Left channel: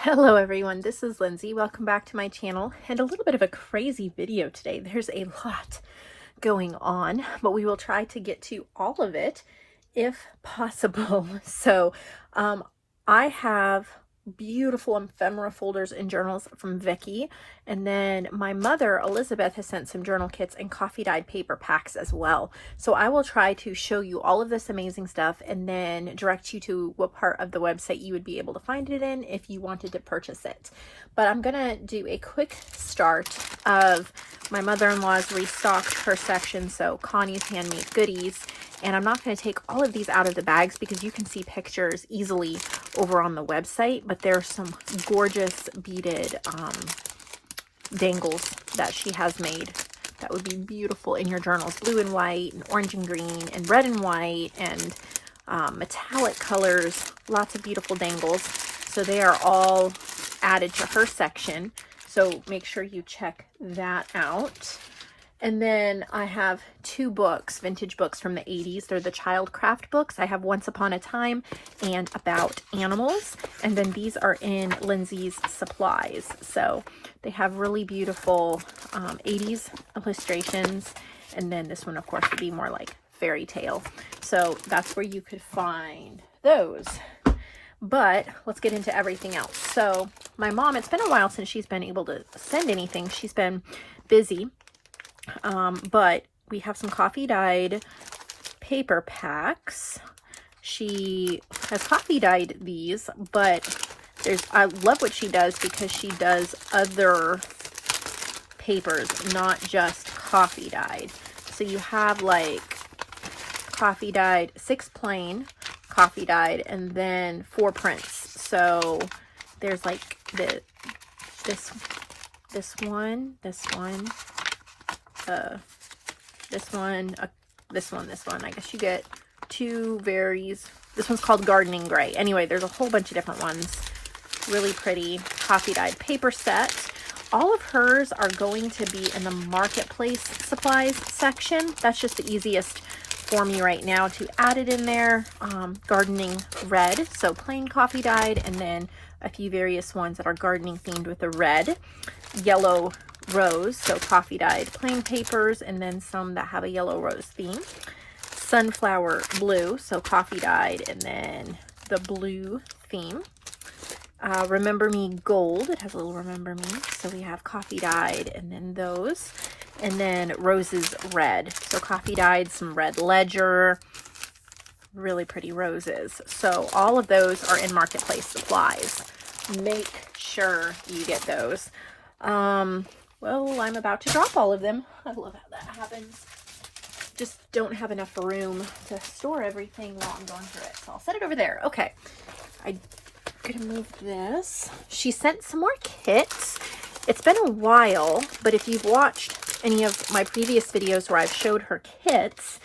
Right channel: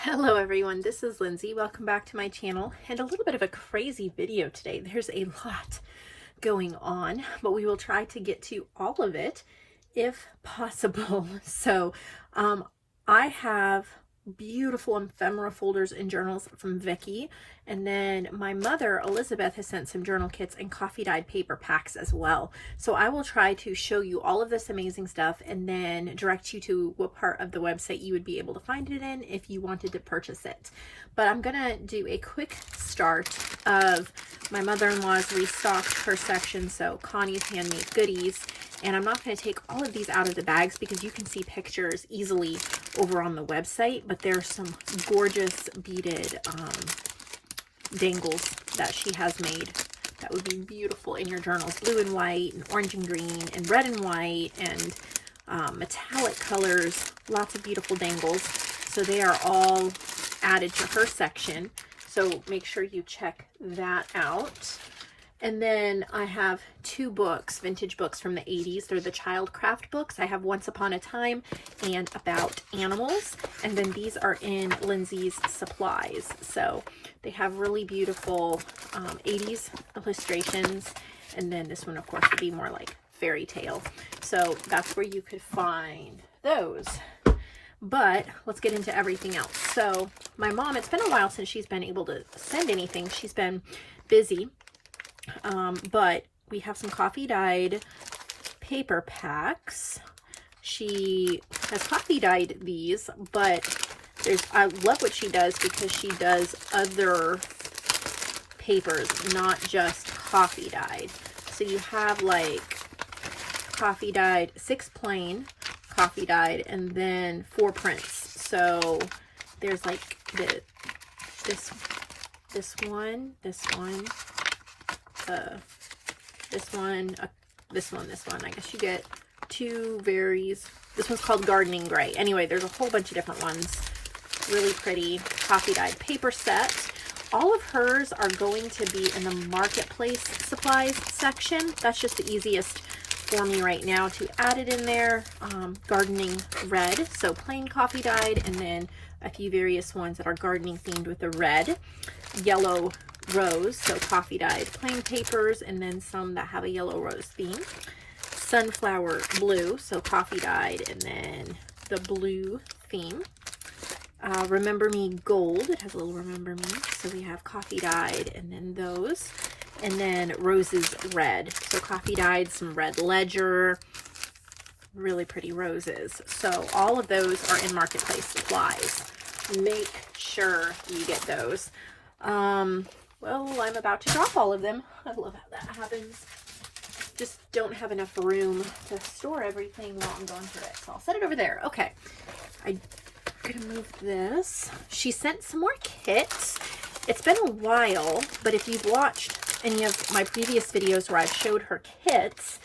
Hello everyone, this is Lindsay. Welcome back to my channel and a little bit of a crazy video today. There's a lot going on, but we will try to get to all of it if possible. So I have beautiful ephemera folders and journals from Vickie, and then my mother Elizabeth has sent some journal kits and coffee dyed paper packs as well. So I will try to show you all of this amazing stuff and then direct you to what part of the website you would be able to find it in if you wanted to purchase it. But I'm gonna do a quick start of my mother-in-law's restocked her section, so Connie's Handmade Goodies. And I'm not going to take all of these out of the bags because you can see pictures easily over on the website, but there's some gorgeous beaded dangles that she has made that would be beautiful in your journals. Blue and white and orange and green and red and white and metallic colors, lots of beautiful dangles. So they are all added to her section. So make sure you check that out. And then I have two books, vintage books from the 80s. They're the child craft books. I have Once Upon a Time and About Animals. And then these are in Lindsay's Supplies. So they have really beautiful 80s illustrations. And then this one, of course, would be more like fairy tale. So that's where you could find those. But let's get into everything else. So my mom, it's been a while since she's been able to send anything. She's been busy. But we have some coffee dyed paper packs. She has coffee dyed these, but I love what she does because she does other papers, not just coffee dyed. So you have like coffee dyed, 6 plain coffee dyed, and then 4 prints. So there's like this one, this one. I guess you get 2 varies. This one's called Gardening Gray. Anyway, there's a whole bunch of different ones. Really pretty coffee dyed paper set. All of hers are going to be in the marketplace supplies section. That's just the easiest for me right now to add it in there. Gardening Red, so plain coffee dyed, and then a few various ones that are gardening themed with the red. Yellow Rose, so coffee dyed plain papers, and then some that have a yellow rose theme. Sunflower Blue, so coffee dyed, and then the blue theme. Remember Me Gold, it has a little Remember Me, so we have coffee dyed, and then those. And then Roses Red, so coffee dyed, some red ledger, really pretty roses. So all of those are in marketplace supplies. Make sure you get those. Well, I'm about to drop all of them. I love how that happens. Just don't have enough room to store everything while I'm going through it. So I'll set it over there. Okay. I'm going to move this. She sent some more kits. It's been a while, but if you've watched any of my previous videos where I've showed her kits,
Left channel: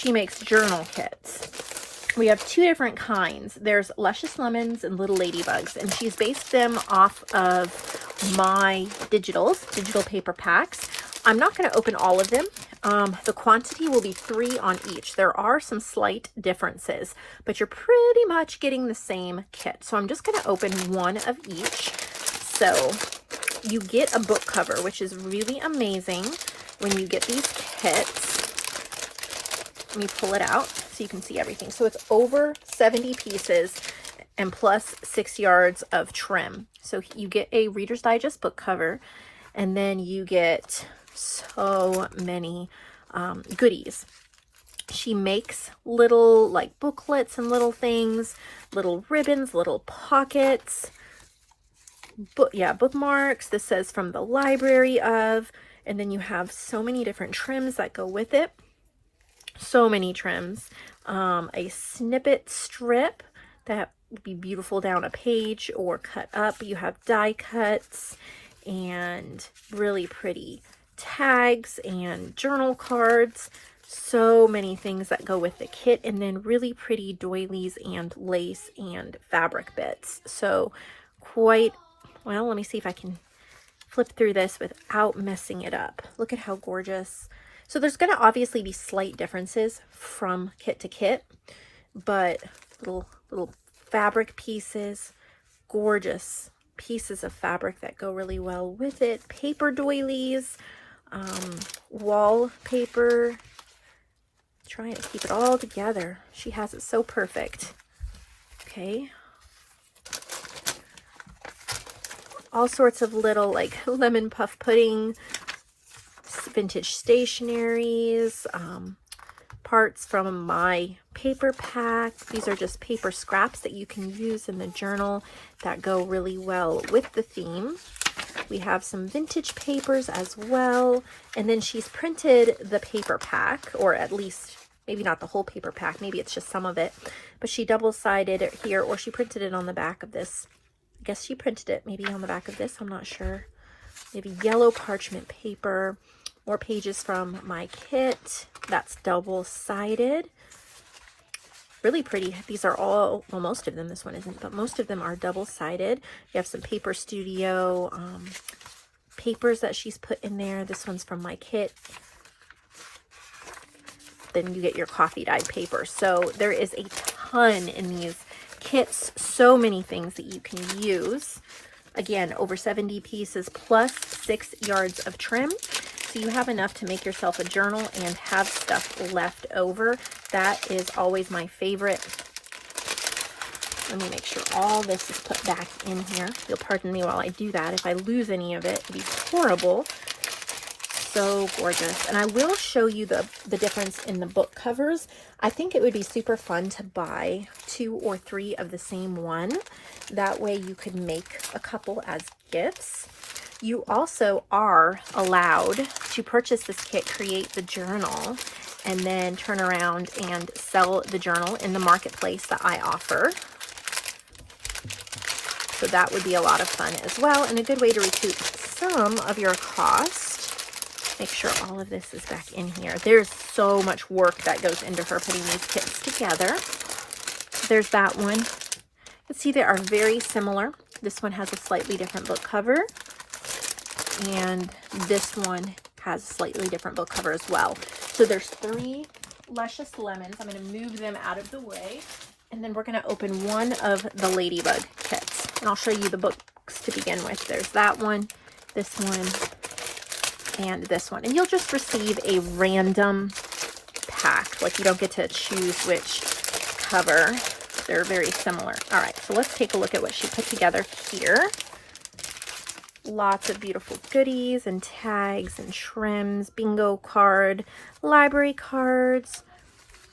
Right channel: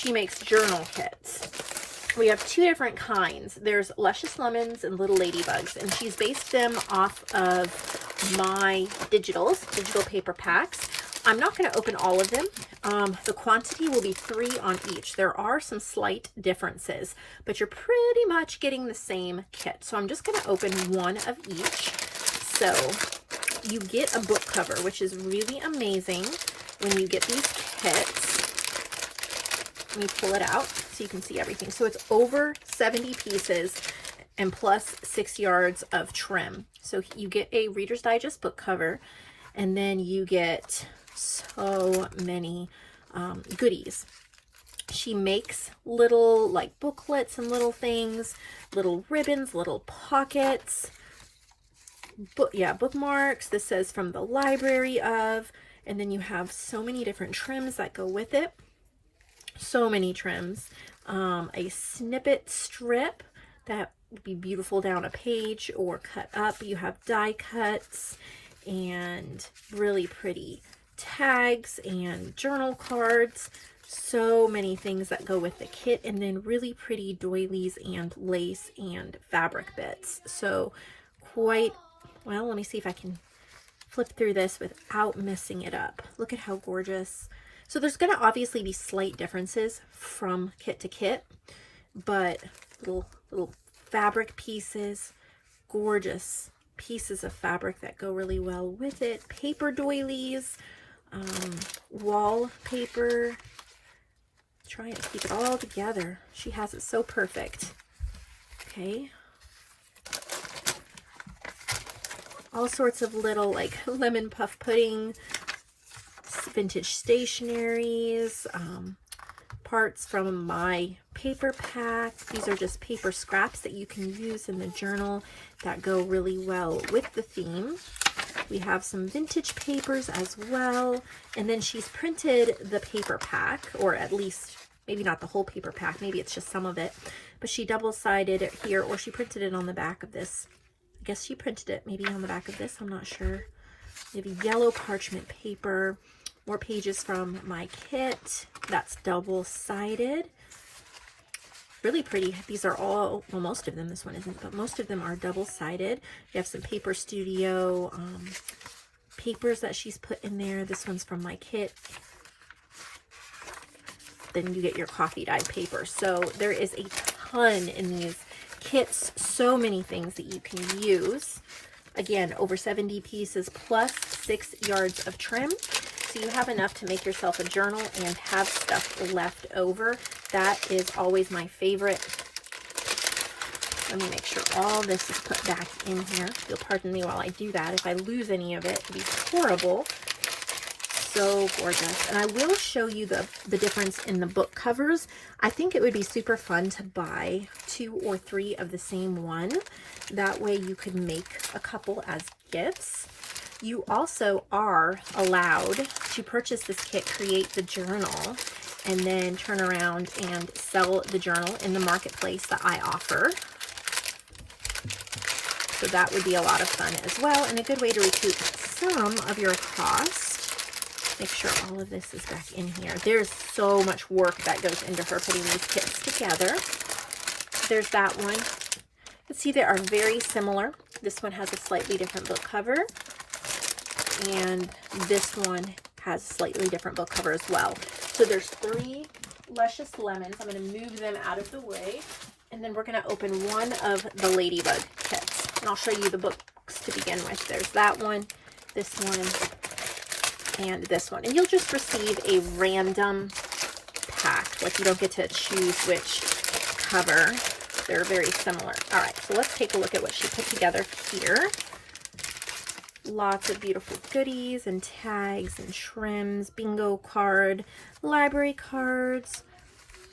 she makes journal kits. We have 2 different kinds. There's Luscious Lemons and Little Ladybugs, and she's based them off of my digital paper packs. I'm not going to open all of them. The quantity will be 3 on each. There are some slight differences, but you're pretty much getting the same kit. So I'm just going to open 1 of each. So you get a book cover, which is really amazing when you get these kits. Let me pull it out so you can see everything. So it's over 70 pieces and plus 6 yards of trim. So you get a Reader's Digest book cover, and then you get so many goodies. She makes little like booklets and little things, little ribbons, little pockets, bookmarks. This says from the library of, and then you have so many different trims that go with it. So many trims. A snippet strip that would be beautiful down a page or cut up. You have die cuts and really pretty tags and journal cards. So many things that go with the kit, and then really pretty doilies and lace and fabric bits. So quite, well, let me see if I can flip through this without messing it up. Look at how gorgeous. So there's going to obviously be slight differences from kit to kit, but little fabric pieces, gorgeous pieces of fabric that go really well with it. Paper doilies, wallpaper. Trying to keep it all together. She has it so perfect. Okay. All sorts of little like lemon puff pudding, vintage stationaries, parts from my paper pack. These are just paper scraps that you can use in the journal that go really well with the theme. We have some vintage papers as well. And then she's printed the paper pack, or at least maybe not the whole paper pack, maybe it's just some of it, but she double-sided it here, or she printed it on the back of this. I guess she printed it maybe on the back of this, I'm not sure. Maybe yellow parchment paper, more pages from my kit. That's double-sided. Really pretty. These are all, well, most of them, this one isn't, but most of them are double-sided. You have some Paper Studio papers that she's put in there. This one's from my kit. Then you get your coffee dyed paper. So there is a ton in these kits, so many things that you can use. Again, over 70 pieces plus 6 yards of trim. So you have enough to make yourself a journal and have stuff left over. That is always my favorite. Let me make sure all this is put back in here. You'll pardon me while I do that. If I lose any of it, it'll be horrible. So gorgeous. And I will show you the difference in the book covers. I think it would be super fun to buy 2 or 3 of the same one. That way you could make a couple as gifts. You also are allowed to purchase this kit, create the journal, and then turn around and sell the journal in the marketplace that I offer. So that would be a lot of fun as well, and a good way to recoup some of your cost. Make sure all of this is back in here. There's so much work that goes into her putting these kits together. There's that one. Let's see, they are very similar. This one has a slightly different book cover, and this one has a slightly different book cover as well. So there's 3 luscious lemons. I'm going to move them out of the way, and then we're going to open one of the ladybug kits, and I'll show you the books to begin with. There's that one, this one, and this one, and you'll just receive a random pack. Like, you don't get to choose which cover. They're very similar. All right, so let's take a look at what she put together here. Lots of beautiful goodies and tags and trims, bingo card, library cards,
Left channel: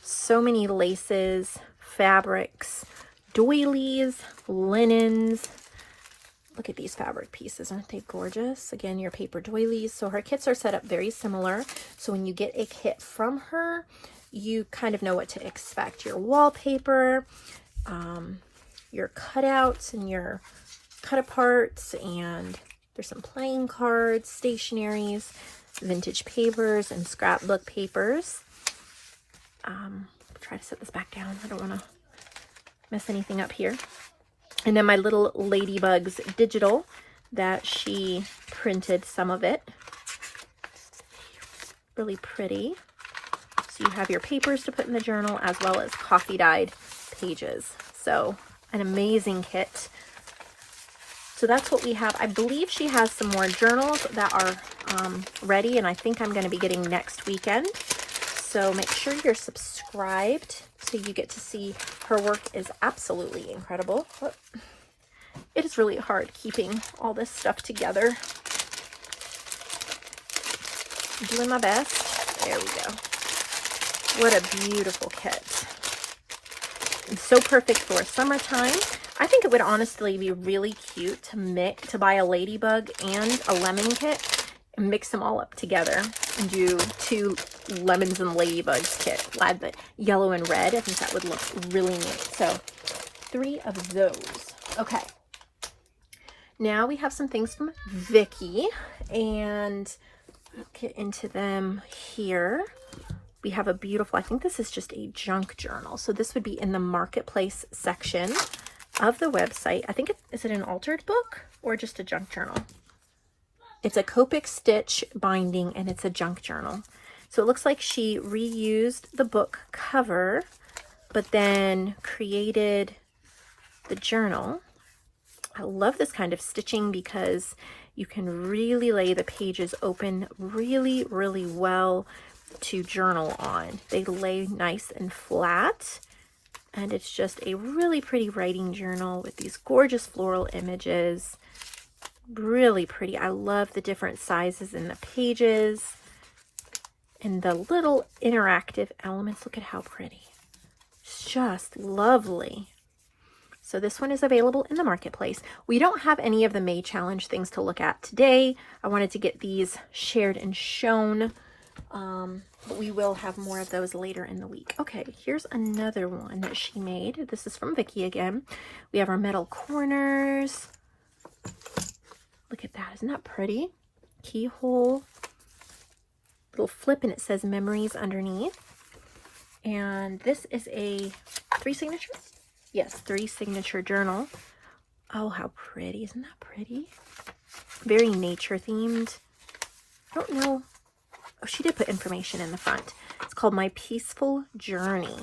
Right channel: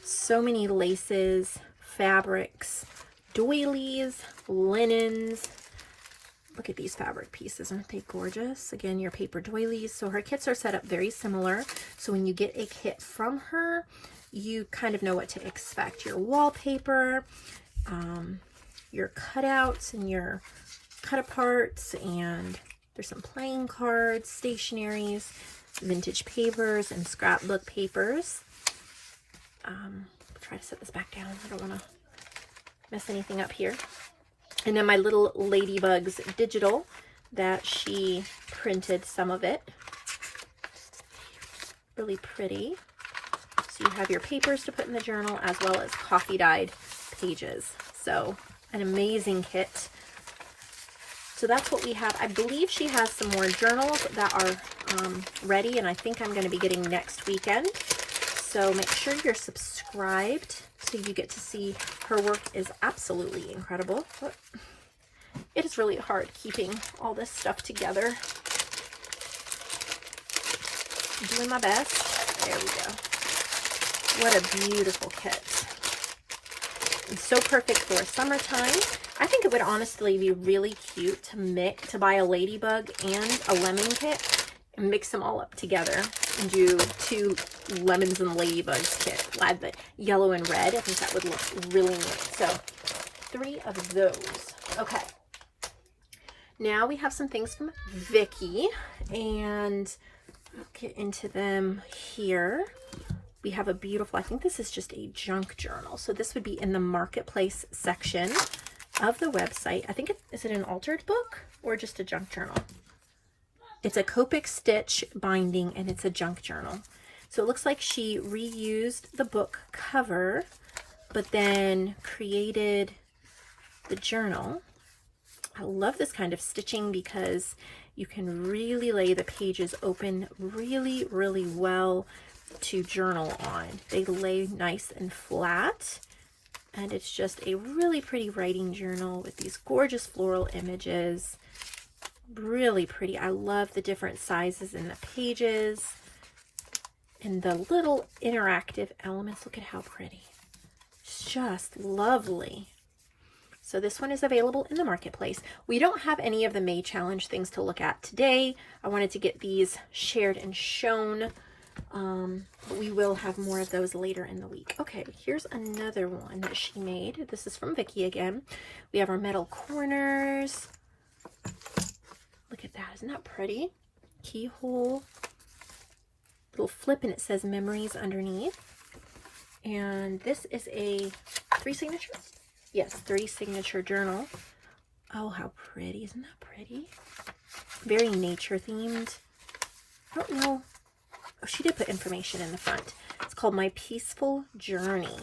so many laces, fabrics, doilies, linens. Look at these fabric pieces, aren't they gorgeous? Again, your paper doilies. So her kits are set up very similar. So when you get a kit from her, you kind of know what to expect. Your wallpaper, your cutouts and your cut aparts, and there's some playing cards, stationaries, vintage papers, and scrapbook papers. Try to set this back down. I don't want to mess anything up here. And then my little ladybugs digital that she printed some of it. Really pretty. So you have your papers to put in the journal as well as coffee dyed pages. So an amazing kit. So that's what we have. I believe she has some more journals that are ready, and I think I'm going to be getting next weekend. So make sure you're subscribed so you get to see her work. Is absolutely incredible. But it is really hard keeping all this stuff together. I'm doing my best. There we go. What a beautiful kit. It's so perfect for summertime. I think it would honestly be really cute to buy a ladybug and a lemon kit and mix them all up together and do 2 lemons and ladybugs kit. Add the yellow and red. I think that would look really neat. So 3 of those. Okay. Now we have some things from Vickie, and I'll get into them here. We have a beautiful, I think this is just a junk journal. So this would be in the marketplace section of the website. I think is it an altered book or just a junk journal? It's a Copic stitch binding, and it's a junk journal. So it looks like she reused the book cover, but then created the journal. I love this kind of stitching because you can really lay the pages open really, really well to journal on. They lay nice and flat, and it's just a really pretty writing journal with these gorgeous floral images. Really pretty. I love the different sizes in the pages and the little interactive elements. Look at how pretty. It's just lovely. So this one is available in the marketplace. We don't have any of the May challenge things to look at today. I wanted to get these shared and shown, but we will have more of those later in the week. Okay, here's another one that she made. This is from Vickie again. We have our metal corners. Look at that, isn't that pretty? Keyhole, little flip, and it says memories underneath. And this is a 3 signatures? Yes, 3 signature journal. Oh, how pretty. Isn't that pretty? Very nature themed. I don't know. Oh, she did put information in the front. It's called My Peaceful Journey.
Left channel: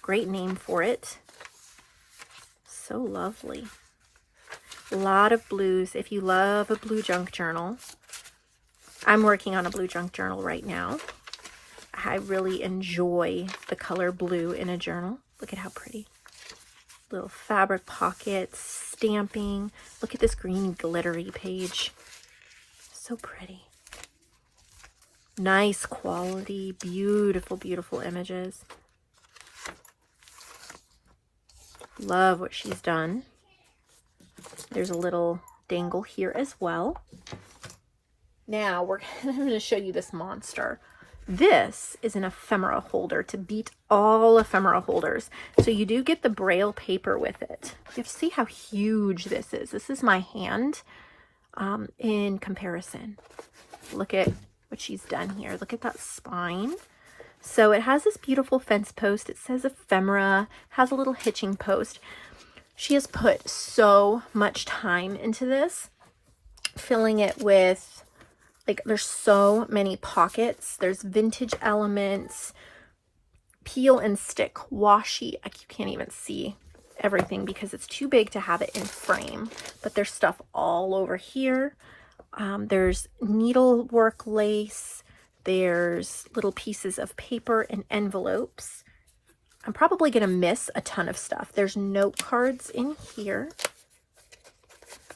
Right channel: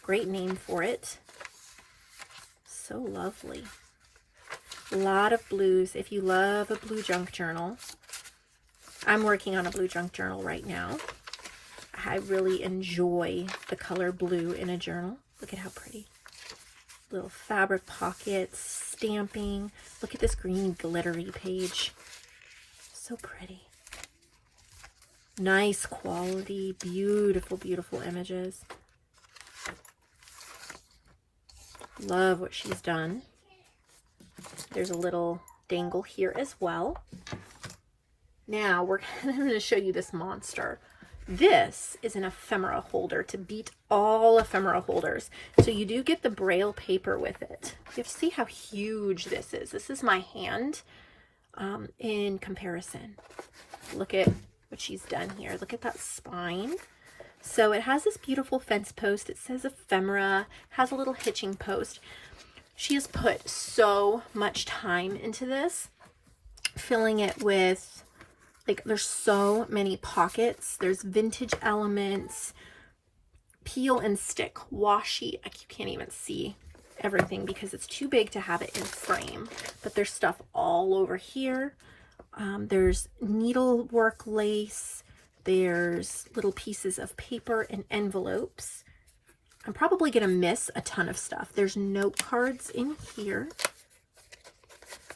Great name for it. So lovely. A lot of blues. If you love a blue junk journal, I'm working on a blue junk journal right now. I really enjoy the color blue in a journal. Look at how pretty. Little fabric pockets, stamping. Look at this green glittery page. So pretty. Nice quality, beautiful, beautiful images. Love what she's done. There's a little dangle here as well. Now I'm going to show you this monster. This is an ephemera holder to beat all ephemera holders. So you do get the Braille paper with it. You have to see how huge this is. This is my hand in comparison. Look at what she's done here. Look at that spine. So it has this beautiful fence post. It says ephemera, has a little hitching post. She has put so much time into this, filling it with, like, there's so many pockets. There's vintage elements, peel and stick, washi. I can't even see everything because it's too big to have it in frame. But there's stuff all over here. There's needlework lace. There's little pieces of paper and envelopes. I'm probably going to miss a ton of stuff. There's note cards in here.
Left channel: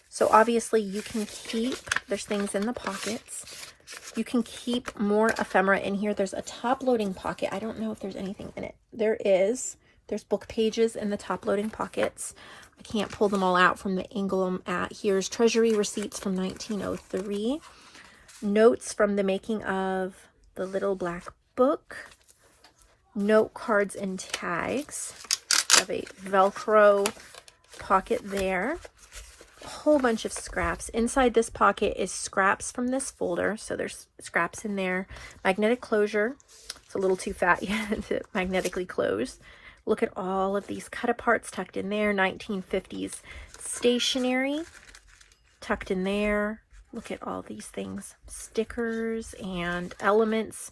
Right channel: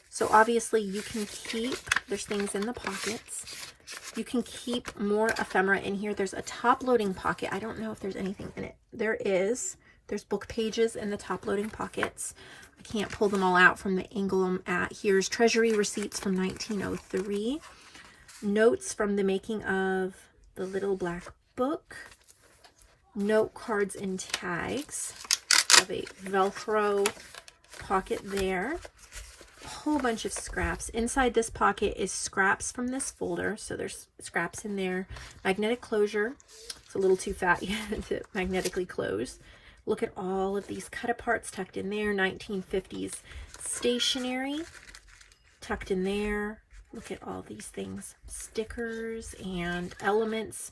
So obviously you can keep, there's things in the pockets. You can keep more ephemera in here. There's a top loading pocket. I don't know if there's anything in it. There is. There's book pages in the top loading pockets. I can't pull them all out from the angle I'm at. Here's treasury receipts from 1903. Notes from the making of the Little Black Book. Note cards and tags. Have a Velcro pocket there. A whole bunch of scraps. Inside this pocket is scraps from this folder. So there's scraps in there. Magnetic closure. It's a little too fat yet to magnetically close. Look at all of these cut aparts tucked in there. 1950s stationery tucked in there. Look at all these things. Stickers and elements.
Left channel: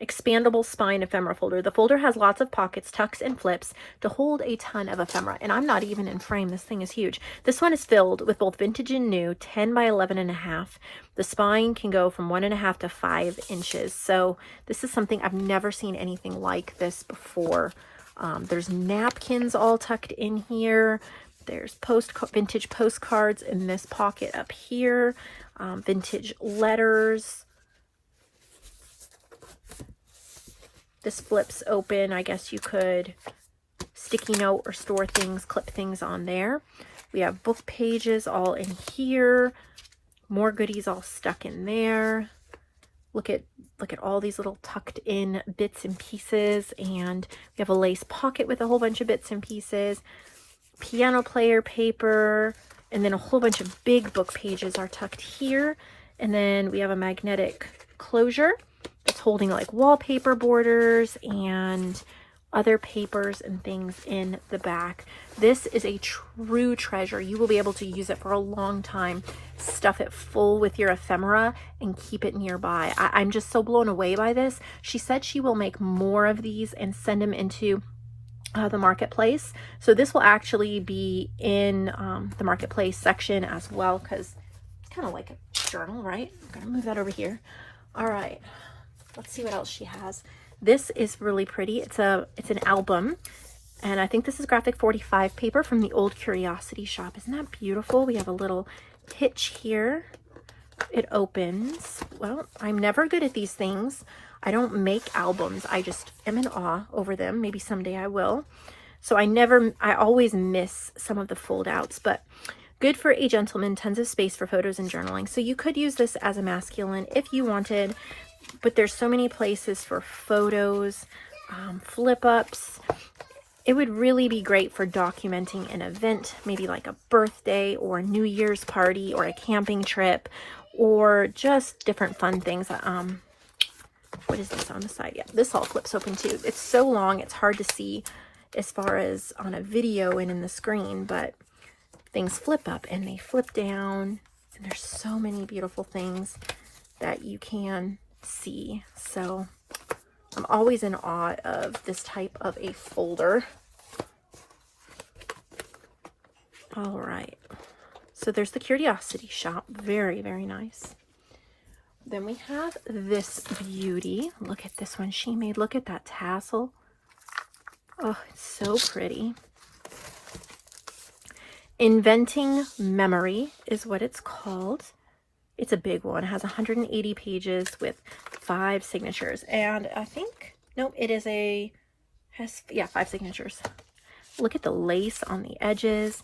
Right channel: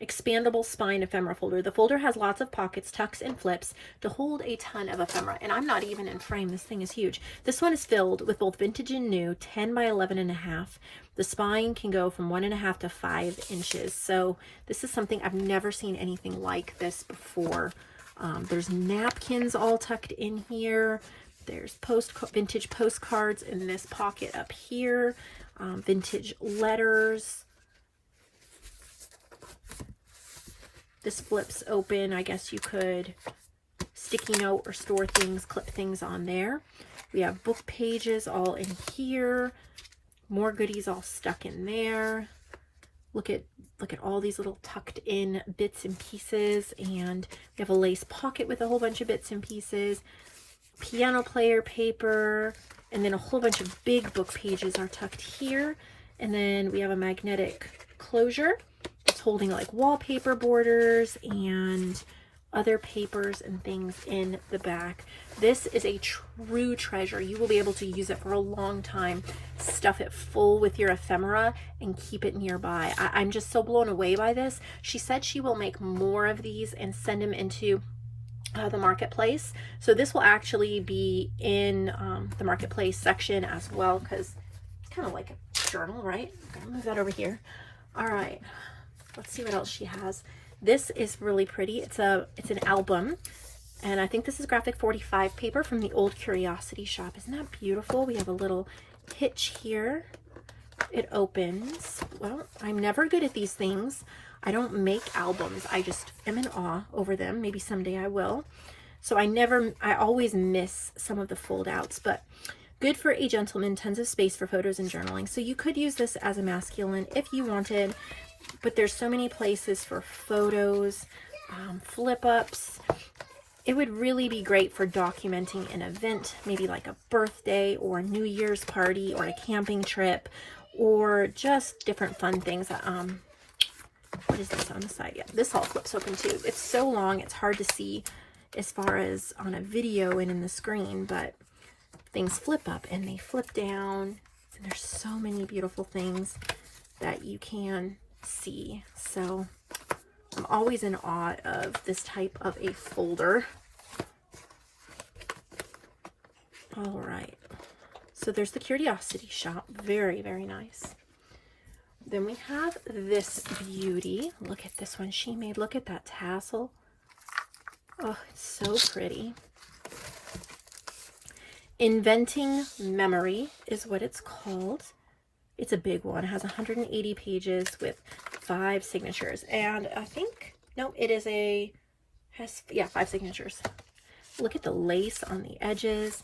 Expandable spine ephemera folder. The folder has lots of pockets, tucks, and flips to hold a ton of ephemera. And I'm not even in frame. This thing is huge. This one is filled with both vintage and new, 10 by 11.5. The spine can go from 1.5 to 5 inches. So this is something I've never seen anything like this before. There's napkins all tucked in here. There's vintage postcards in this pocket up here. Vintage letters. This flips open. I guess you could sticky note or store things, clip things on there. We have book pages all in here. More goodies all stuck in there. Look at all these little tucked in bits and pieces. And we have a lace pocket with a whole bunch of bits and pieces. Piano player paper. And then a whole bunch of big book pages are tucked here. And then we have a magnetic closure. It's holding like wallpaper borders and other papers and things in the back. This is a true treasure. You will be able to use it for a long time. Stuff it full with your ephemera and keep it nearby. I'm just so blown away by this. She said she will make more of these and send them into the marketplace. So this will actually be in the marketplace section as well, because it's kind of like a journal, right? I'm gonna move that over here. All right, let's see what else she has. This is really pretty. It's an album, and I think this is graphic 45 paper from the Old Curiosity Shop. Isn't that beautiful? We have a little hitch here. It opens. Well, I'm never good at these things. I don't make albums. I just am in awe over them. Maybe someday I will. So I always miss some of the fold outs, but good for a gentleman, tons of space for photos and journaling. So you could use this as a masculine if you wanted, but there's so many places for photos, flip ups. It would really be great for documenting an event, maybe like a birthday or a New Year's party or a camping trip, or just different fun things. What is this on the side? Yeah, this all flips open too. It's so long, it's hard to see as far as on a video and in the screen, but things flip up and they flip down. And there's so many beautiful things that you can see. So I'm always in awe of this type of a folder. All right. So there's the Curiosity Shop. Very, very nice. Then we have this beauty. Look at this one she made. Look at that tassel. Oh, it's so pretty. Inventing Memory is what it's called. It's a big one. It has 180 pages with 5 signatures. And I think, no, it is yeah, 5 signatures. Look at the lace on the edges.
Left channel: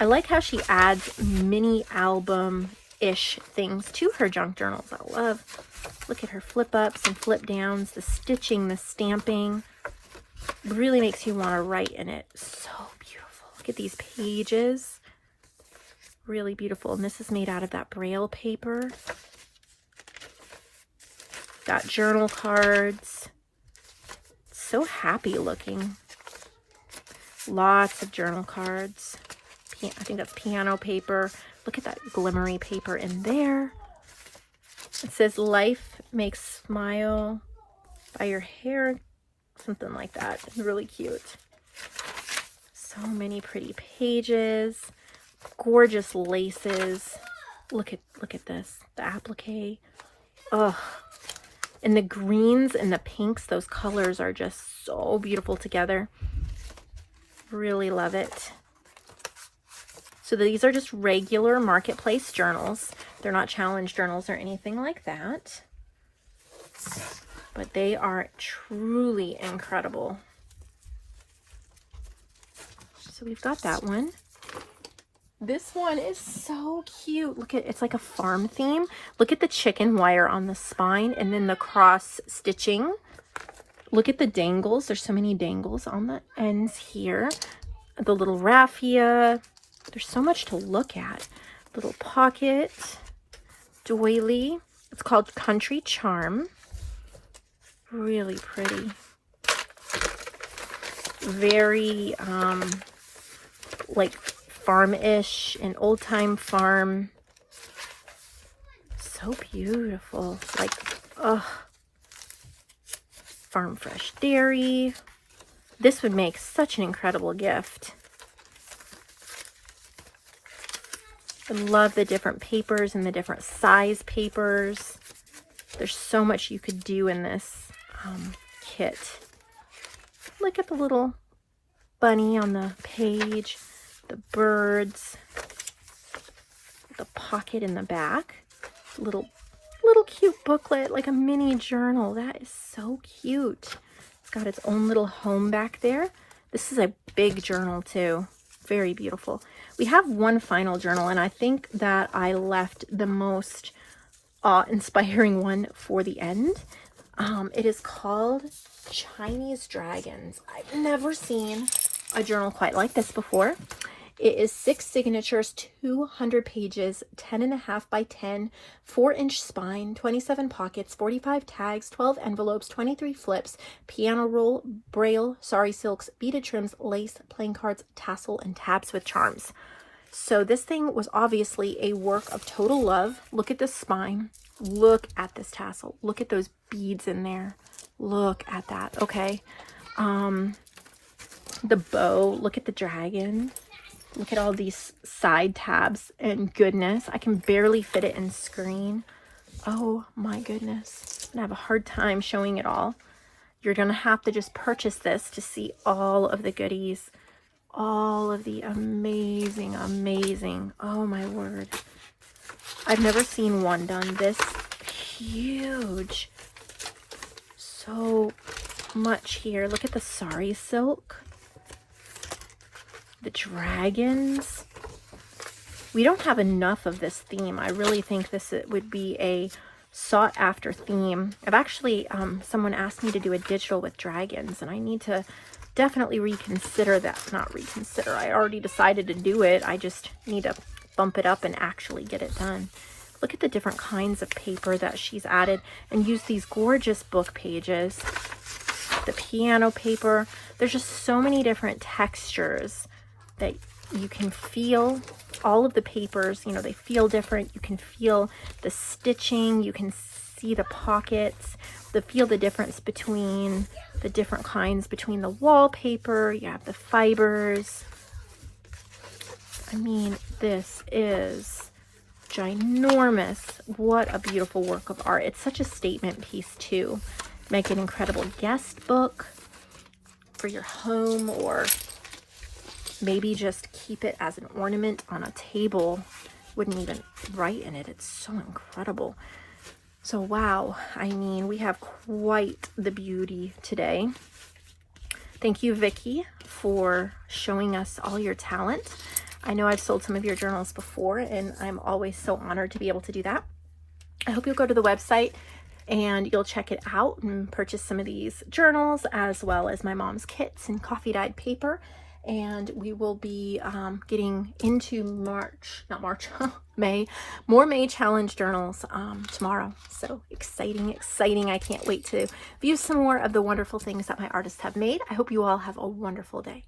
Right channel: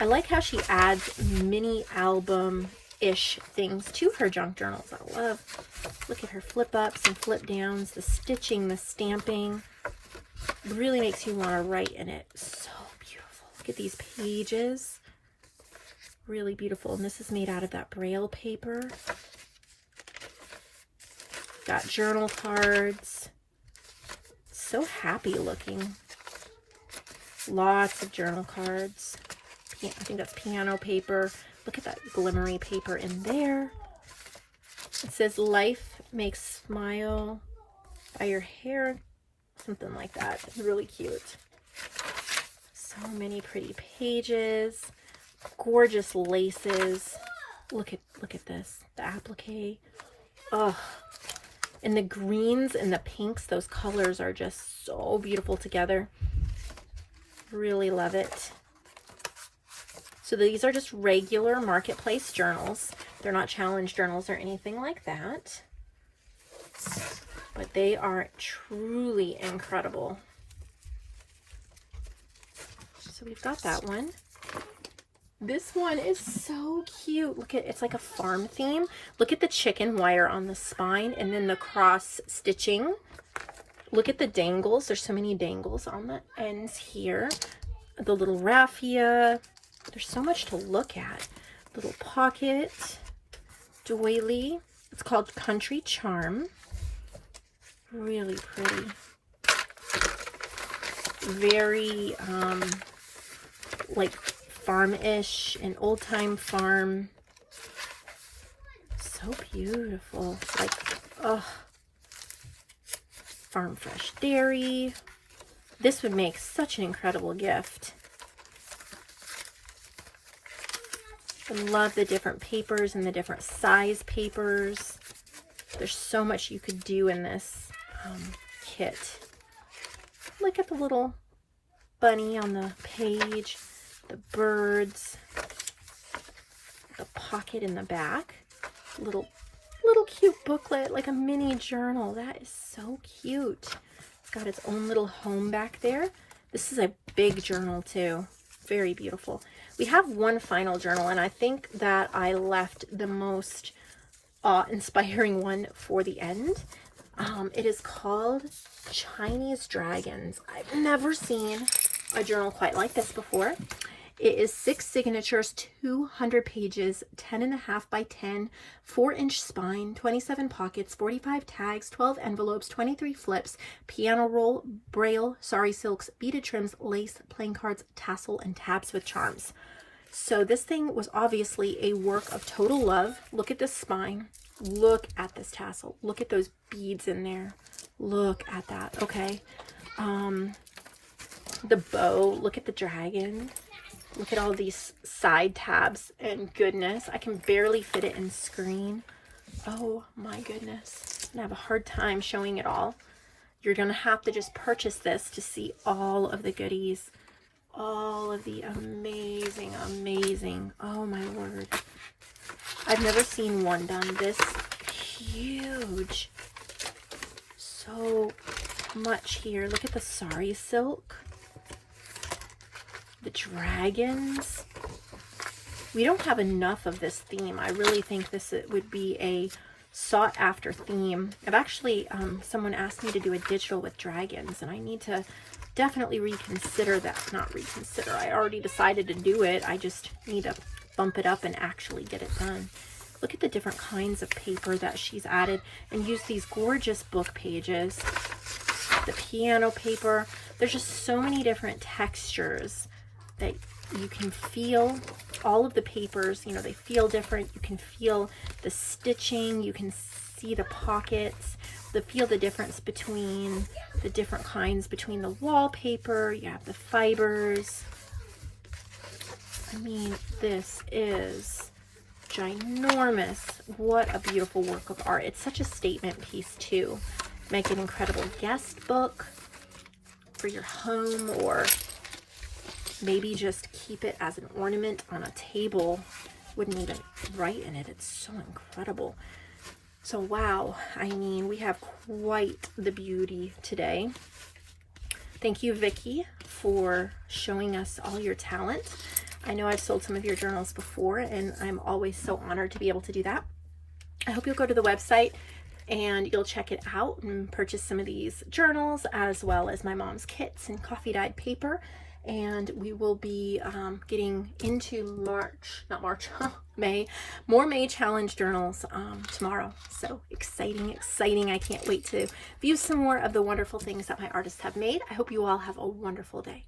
I like how she adds mini album-ish things to her junk journals. I love, look at her flip ups and flip downs, the stitching, the stamping. Really makes you want to write in it. So beautiful. Look at these pages. Really beautiful. And this is made out of that Braille paper. Got journal cards. So happy looking. Lots of journal cards. I think that's piano paper. Look at that glimmery paper in there. It says life makes smile by your hair. Something like that. It's really cute. So many pretty pages. Gorgeous laces. Look at this. The applique. Ugh. And the greens and the pinks, those colors are just so beautiful together. Really love it. So these are just regular marketplace journals. They're not challenge journals or anything like that. But they are truly incredible. So we've got that one. This one is so cute. Look at, it's like a farm theme. Look at the chicken wire on the spine and then the cross stitching. Look at the dangles. There's so many dangles on the ends here. The little raffia. There's so much to look at. Little pocket. Doily. It's called Country Charm. Really pretty. Very, like farm-ish, an old-time farm. So beautiful. Like, oh. Farm fresh dairy. This would make such an incredible gift. I love the different papers and the different size papers. There's so much you could do in this kit. Look at the little bunny on the page, the birds, the pocket in the back, little cute booklet, like a mini journal. That is so cute. It's got its own little home back there. This is a big journal too. Very beautiful. We have one final journal, and I think that I left the most awe-inspiring one for the end. It is called Chinese Dragons. I've never seen a journal quite like this before. It is 6 signatures, 200 pages, 10.5 by 10, 4-inch spine, 27 pockets, 45 tags, 12 envelopes, 23 flips, piano roll, braille, sari silks, beaded trims, lace, playing cards, tassel, and tabs with charms. So this thing was obviously a work of total love. Look at the spine. Look at this tassel. Look at those beads in there. Look at that. Okay. The bow, look at the dragon. Look at all these side tabs, and goodness, I can barely fit it in screen. Oh my goodness, I'm gonna have a hard time showing it all. You're gonna have to just purchase this to see all of the goodies, all of the amazing, amazing, oh my word. I've never seen one done this huge. So much here. Look at the sari silk. The dragons. We don't have enough of this theme. I really think this would be a sought after theme. I've actually, someone asked me to do a digital with dragons, and I need to definitely reconsider that. Not reconsider. I already decided to do it. I just need to bump it up and actually get it done. Look at the different kinds of paper that she's added, and use these gorgeous book pages. The piano paper. There's just so many different textures that you can feel. All of the papers, you know, they feel different. You can feel the stitching. You can see the pockets. Feel the difference between the different kinds, between the wallpaper. You have the fibers. I mean, this is ginormous. What a beautiful work of art. It's such a statement piece too. Make an incredible guest book for your home, or maybe just keep it as an ornament on a table. Wouldn't even write in it. It's so incredible. So wow, I mean, we have quite the beauty today. Thank you, Vicky, for showing us all your talent. I know I've sold some of your journals before, and I'm always so honored to be able to do that. I hope you'll go to the website and you'll check it out and purchase some of these journals, as well as my mom's kits and coffee dyed paper. And we will be getting into May, more mini challenge journals tomorrow. So exciting, exciting. I can't wait to view some more of the wonderful things that my artists have made. I hope you all have a wonderful day.